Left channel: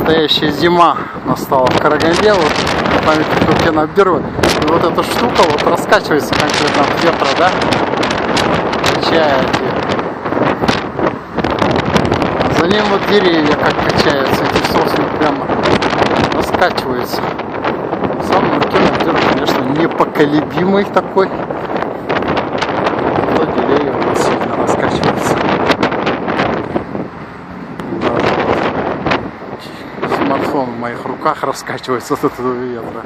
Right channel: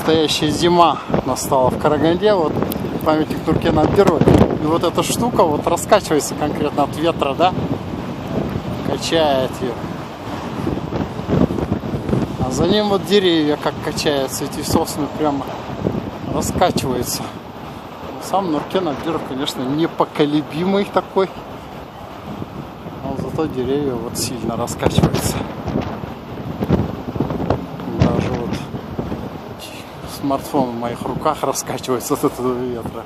Настоящая зима настала в Караганде. Вот памятник Туркена Абдирова. И вот эта штука вот раскачивается конкретно от ветра, да? Качает ее. А за ним вот деревья как качаются. Эти сосны прямо раскачиваются. Сам Туркен Абдиров, конечно, непоколебимый такой. Но зато деревья вот сильно раскачиваются. Даже вот смартфон в моих руках раскачивается от этого ветра.